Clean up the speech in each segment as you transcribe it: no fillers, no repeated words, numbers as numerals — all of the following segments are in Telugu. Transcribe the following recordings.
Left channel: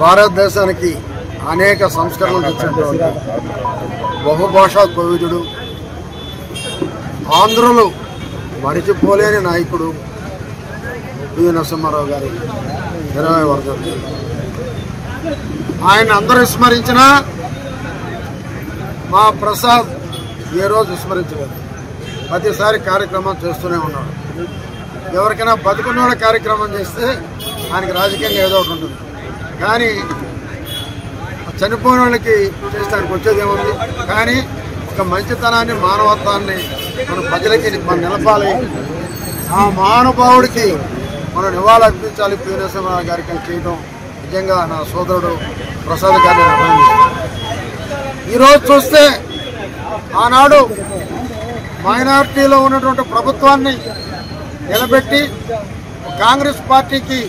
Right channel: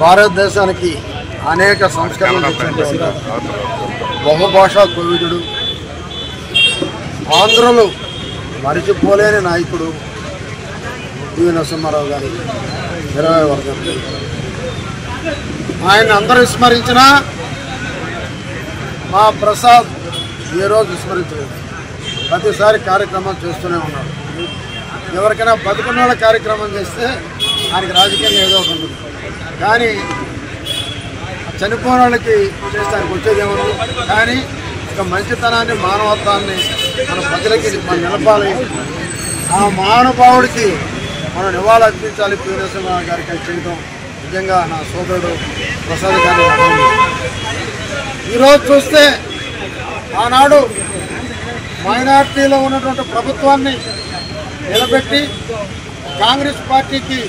భారతదేశానికి అనేక సంస్కరణలు తెచ్చినటువంటి బహుభాషా కోవిదుడు, ఆంధ్రులు మరిచిపోలేని నాయకుడు పివి నరసింహారావు గారి 20వ వర్ధంతి. ఆయన అందరూ విస్మరించినా మా ప్రసాద్ ఏ రోజు విస్మరించలేదు. ప్రతిసారి కార్యక్రమం చేస్తూనే ఉన్నాడు. ఎవరికైనా బతుకున్న వాళ్ళ కార్యక్రమం చేస్తే ఆయనకి రాజకీయంగా ఏదో ఒకటి ఉంటుంది, కానీ చనిపోయిన వాళ్ళకి చేస్తే ఆయనకు వచ్చేదేముంది. కానీ ఇక మంచితనాన్ని, మానవత్వాన్ని మన ప్రజలకి మనం నిలపాలి. ఆ మహానుభావుడికి మనం నివాళులు అర్పించాలి. పివి నరసింహారావు గారికి చేయడం నిజంగా నా సోదరుడు ప్రసాద్ గారిని అభినందిస్తాను. ఈరోజు చూస్తే ఆనాడు మైనారిటీలో ఉన్నటువంటి ప్రభుత్వాన్ని నిలబెట్టి కాంగ్రెస్ పార్టీకి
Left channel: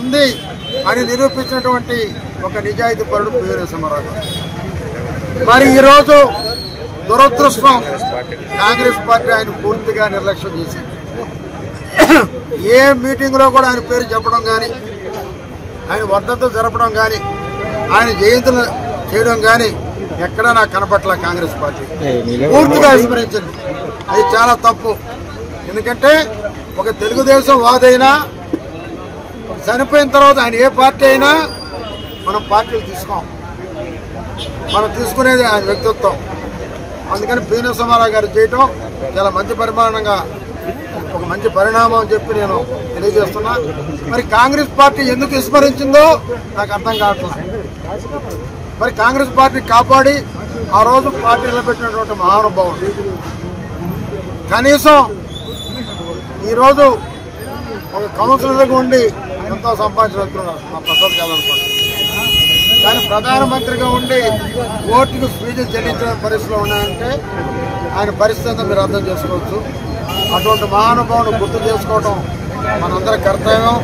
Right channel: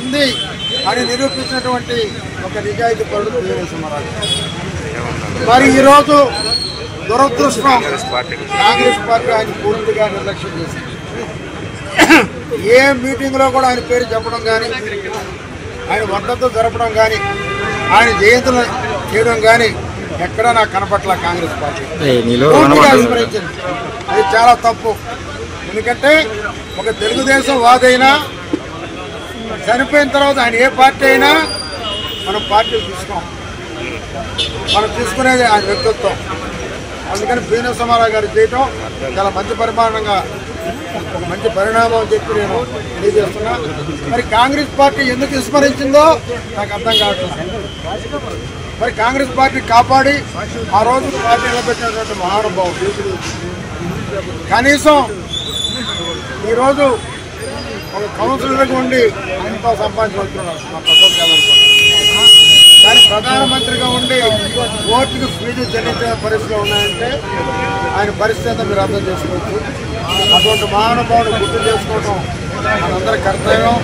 ఉంది అని నిరూపించినటువంటి ఒక నిజాయితీ పరుడు పివి నరసింహారావు. మరి ఈరోజు దురదృష్టం, కాంగ్రెస్ పార్టీ ఆయన పూర్తిగా నిర్లక్ష్యం చేసింది. ఏ మీటింగ్లో కూడా ఆయన పేరు చెప్పడం కానీ, ఆయన వర్ధంతులు జరపడం కానీ, ఆయన జయంతులు చేయడం కానీ ఎక్కడా నాకు కనపట్ల. కాంగ్రెస్ పార్టీ పూర్తిగా విస్మరించింది. అది చాలా తప్పు. ఎందుకంటే ఒక తెలుగుదేశం వాదైనా చనిపోయిన తర్వాత ఆయన ఏ పార్టీ అయినా మనం పార్టీలు తీసుకోం. మనం తీసుకునేది ఆయన వ్యక్తిత్వం. అందుకని పివి నరసింహారావు గారు చేయటం చాలా మంచి పరిమాణంగా, ఒక మంచి పరిణామం అని చెప్పి నేను తెలియజేస్తున్నా. మరి కాంగ్రెస్ పార్టీ ఎందుకు విస్మరించిందో నాకు అర్థం కావట్లేదు. మరి కాంగ్రెస్ పార్టీ కాపాడి ఆ రోజు పార్టీ నిలబెట్టినటువంటి మహానుభావుడు కనీసం ఈరోజు ఒక కౌన్సిలర్గా ఉండి ఎంతో సంపాదించబడుతున్నారు మా ప్రసాద్ గారు అనుకోండి. కానీ ప్రధానమంత్రిగా ఉండి కోర్టుకు ఫీజు చెల్లించే పరిస్థితిలో ఉన్నాయంటే ఆయన పరిస్థితి మీరు అర్థం చేసుకోవచ్చు. అటువంటి మహానుభావుడు గుర్తు చేసుకోవడం మనందరి కర్తవ్యం.